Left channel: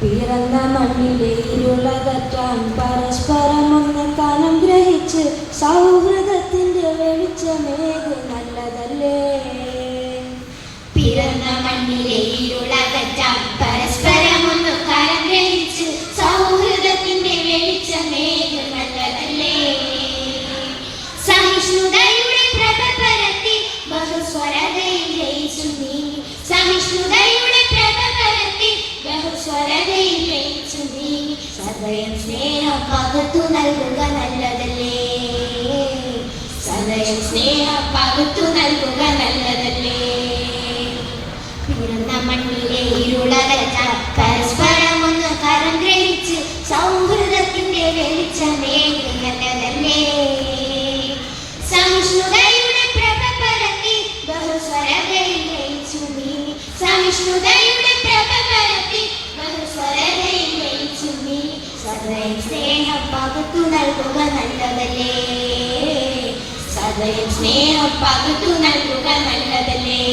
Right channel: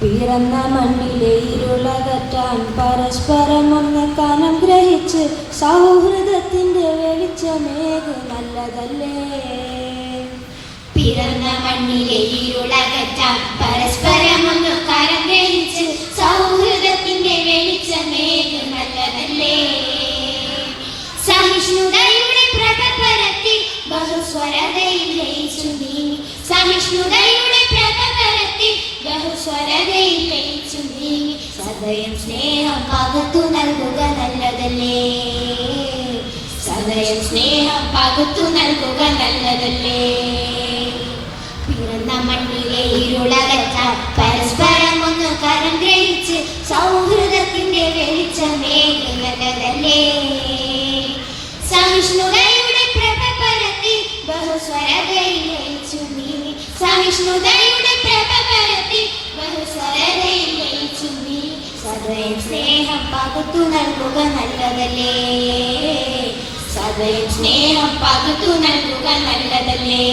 പിറന്ന മണ്ണിലെ ഇരുളകറ്റാൻ പരസ്പരം ഒന്ന് കനം ഗ്രഹിച്ച് സൗഹൃദത്തിന്റെ വെളിച്ചമേകു നല്ലതല്ലേ. പിറന്ന മണ്ണിലെ ഇരുളകറ്റാൻ പരസ്പരം ഒന്ന് കനം ഗ്രഹിച്ച് സൗഹൃദത്തിന്റെ വെളിച്ചമേകു നല്ലതല്ലേ. സഹിഷ്ണുതയുടെ പ്രഭ പരത്തി ബഹുസ്വരതയിൽ ലയിച്ചു നീങ്ങി. സഹിഷ്ണുതയുടെ പ്രഭ പരത്തി ബഹുസ്വരതയിൽ ലയിച്ചു നീങ്ങി. സദയം സ്നേഹം പകർത്തു നൽകുക നല്ലതല്ലേ. സദയം സ്നേഹം പകർത്തു നൽകുക നല്ലതല്ലേ. പിറന്ന മണ്ണിലെ ഇരുളകറ്റാൻ പരസ്പരം ഒന്ന് കരം ഗ്രഹിച്ച് സൗഹൃദത്തിന്റെ വെളിച്ചമേകു നല്ലതല്ലേ. സഹിഷ്ണുതയുടെ പ്രഭ പരത്തി ബഹുസ്വരതയിൽ ലയിച്ചു നീങ്ങി. സഹിഷ്ണുതയുടെ പ്രഭ പരത്തി ബഹുസ്വരതയിൽ ലയിച്ചു നീങ്ങി. സദയം സ്നേഹം പകർത്തു നൽകുക നല്ലതല്ലേ. സദയം സ്നേഹം പകർത്തു നൽകുക നല്ലതല്ലേ.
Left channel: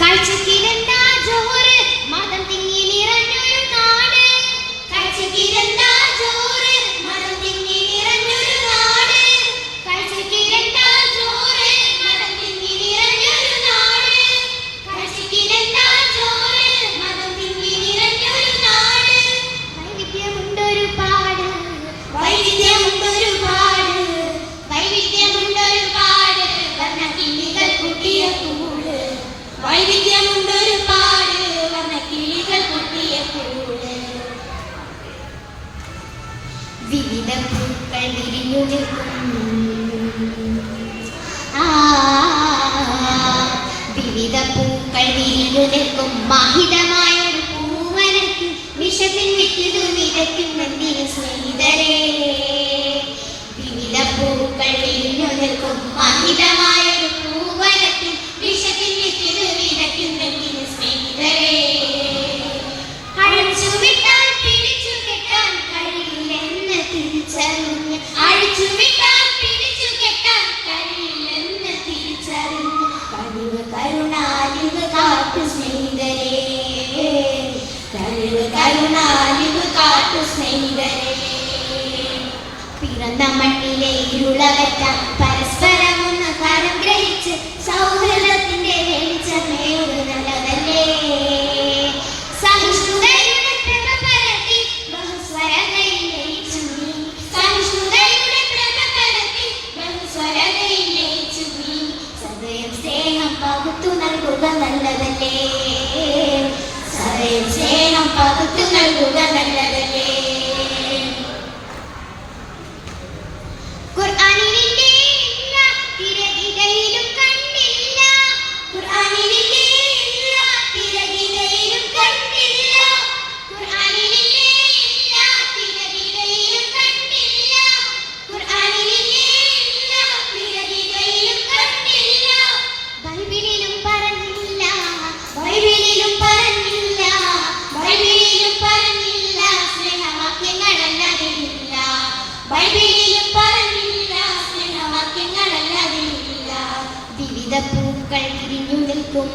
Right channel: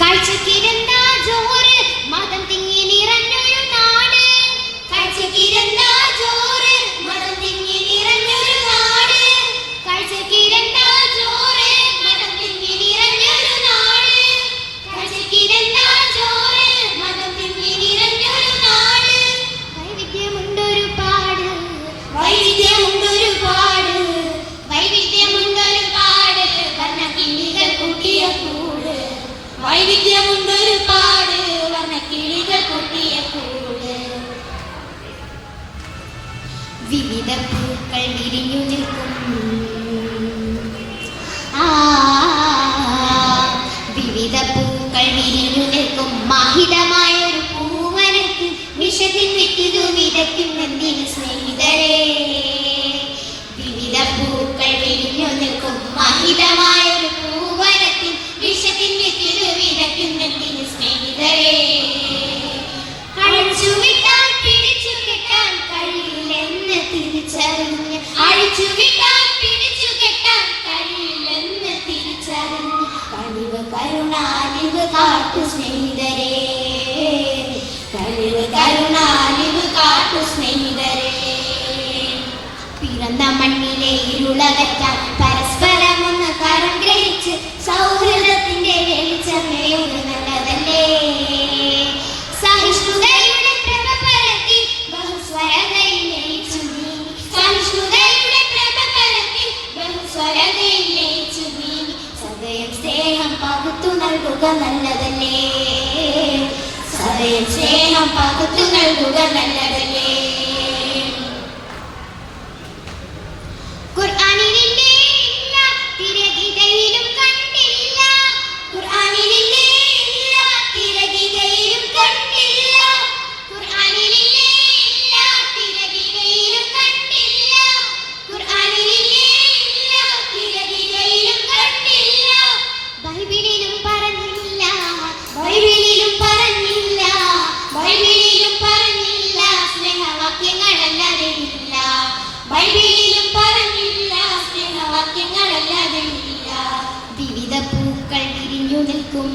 കാഴ്ചക്കിരുന്ന ജോറ് മതം തിങ്ങി നിറഞ്ഞൊരു നാട്. കാഴ്ചക്കിരുന്ന ജോറ് മതം തിങ്ങി നിറഞ്ഞൊരു നാട്. കാഴ്ചക്കിരുന്ന ജോറ് മതം തിങ്ങി നിറഞ്ഞൊരു നാട്. കാഴ്ചക്കിരുന്ന ജോറ് മതം തിങ്ങി നിറഞ്ഞൊരു നാട്. വൈവിധ്യമുണ്ടൊരു പാട്. വൈവിധ്യമുണ്ടൊരു പാട്. വൈവിധ്യമുണ്ടൊരു പാട്. വർണ്ണക്കിളികൾ കൂട്ടിയ കൂട്. വൈവിധ്യമുണ്ടൊരു പാട്. വർണ്ണക്കിളികൾ കൂട്ടിയ കൂട്. വിവിധ പൂക്കൾ വിരിഞ്ഞു നിൽക്കും. വിവിധ പൂക്കൾ വിരിഞ്ഞു നിൽക്കും മാഹിതമായ ഒരു പൂവനത്തിൽ വിഷത്തിൻ വിത്തിതു വിതയ്ക്കുമെന്തിന് സ്നേഹിതരേ. വിവിധ പൂക്കൾ വിരിഞ്ഞു നിൽക്കും മാഹിതമായ ഒരു പൂവനത്തിൽ വിഷത്തിൻ വിത്തിതു വിതയ്ക്കുമെന്തിന് സ്നേഹിതരേ. അഴിച്ചുവിട്ടാൽ പിടിച്ചു കെട്ടാൻ കഴിയില്ലെന്ന് തിരിച്ചറിഞ്ഞ്. അഴിച്ചുവിട്ടാൽ പിടിച്ചു കെട്ടാൻ കഴിയില്ലെന്ന് തിരിച്ചറിഞ്ഞ്. കഴിവ് കരുണ അലിവ് കാട്ടു സ്നേഹിതരേ. കഴിവ് കരുണ അലിവ് കാട്ടു സ്നേഹിതരേ. പിറന്ന മണ്ണിലെ ഇരുളകറ്റാൻ പരസ്പരം ഒന്ന് കരം ഗ്രഹിച്ച് സൗഹൃദത്തിന്റെ വെളിച്ചമേകു നല്ലതല്ലേ. സഹിഷ്ണുതയുടെ പ്രഭ പരത്തി ബഹുസ്വരതയിൽ ലയിച്ചു നീങ്ങി. സഹിഷ്ണുതയുടെ പ്രഭ പരത്തി ബഹുസ്വരതയിൽ ലയിച്ചു നീങ്ങി. സദയം സ്നേഹം പകുത്തു നൽകുക നല്ലതല്ലേ. സദയം സ്നേഹം പകുത്തു നൽകുക നല്ലതല്ലേ. ഖുർആനിലില്ലേ ഇല്ല തിരഗിതയിലും കണ്ടില്ല. ഖുർആനിലില്ലേ ഇല്ല തിരഗിതയിലും കണ്ടില്ല. ഖുർആനിലില്ലേ ഇല്ല തിരഗിതയിലും കണ്ടില്ല. ഖുർആനിലില്ലേ ഇല്ല തിരഗിതയിലും കണ്ടില്ല. ബൈബിളിലും പറഞ്ഞില്ല. ബൈബിളിലും പറഞ്ഞില്ല. ബൈബിളിലും പറഞ്ഞില്ല സ്നേഹവാക്യങ്ങളല്ലാതെ ഇല്ല. ബൈബിളിലും പറഞ്ഞില്ല സ്നേഹവാക്യങ്ങളല്ലാതെ ഇല്ല. വിവിധ പൂക്കൾ വിരിഞ്ഞു നിൽക്കും.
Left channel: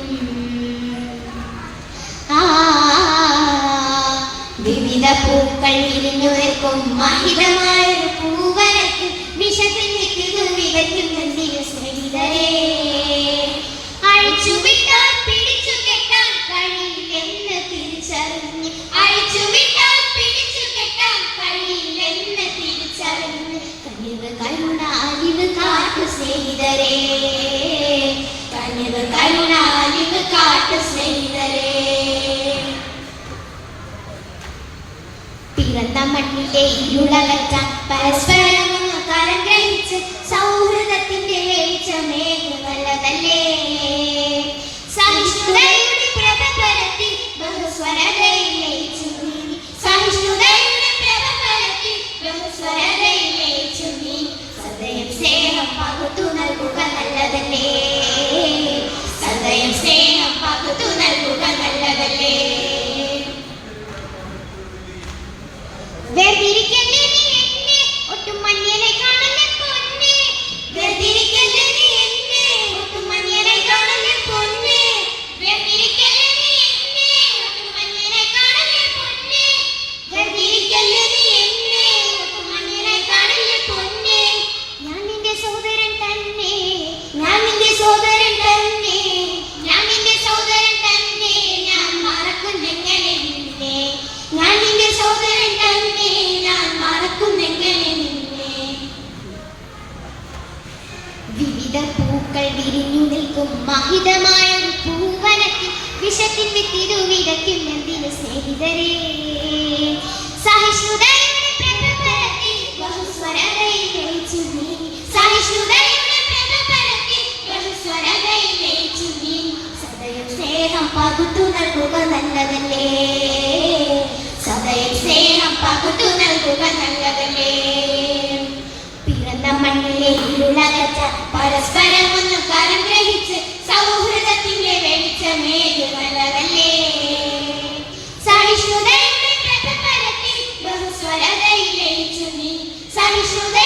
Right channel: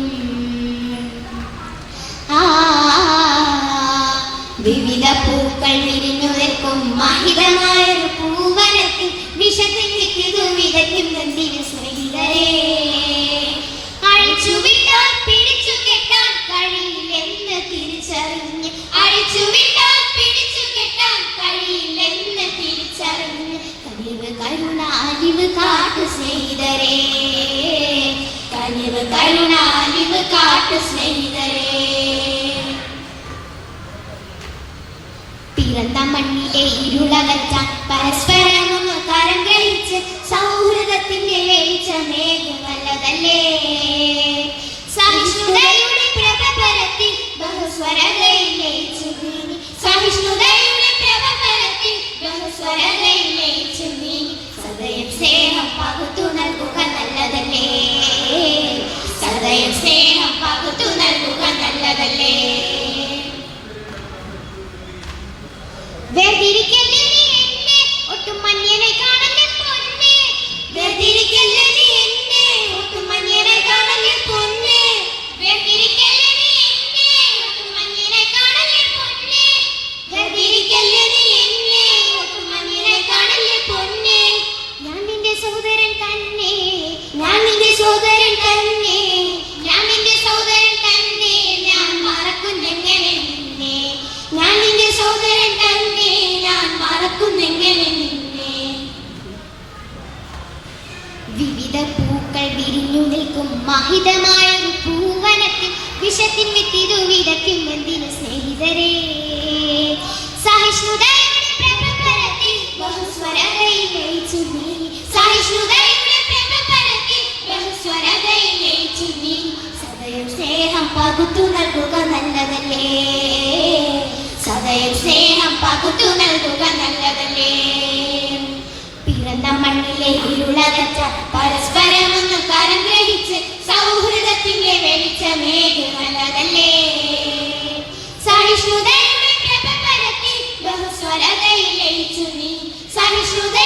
വിവിധ പൂക്കൾ വിരിഞ്ഞു നിൽക്കും മാഹിതമായ ഒരു പൂവനത്തിൽ വിഷത്തിൽ വിത്തിതു വിതയ്ക്കുമെന്തിന് സ്നേഹിതരേ. അഴിച്ചുവിട്ടാൽ പിടിച്ചു കെട്ടാൻ കഴിയില്ലെന്ന് തിരിച്ചറിഞ്ഞ്. അഴിച്ചുവിട്ടാൽ പിടിച്ചു കെട്ടാൻ കഴിയില്ലെന്ന് തിരിച്ചറിഞ്ഞ്. കഴിവ് കരുണ അലിവ് കാട്ടു സ്നേഹിതരേ. കഴിവ് കരുണ അലിവ് കാട്ടു സ്നേഹിതരേ. ഇരുളകറ്റാൻ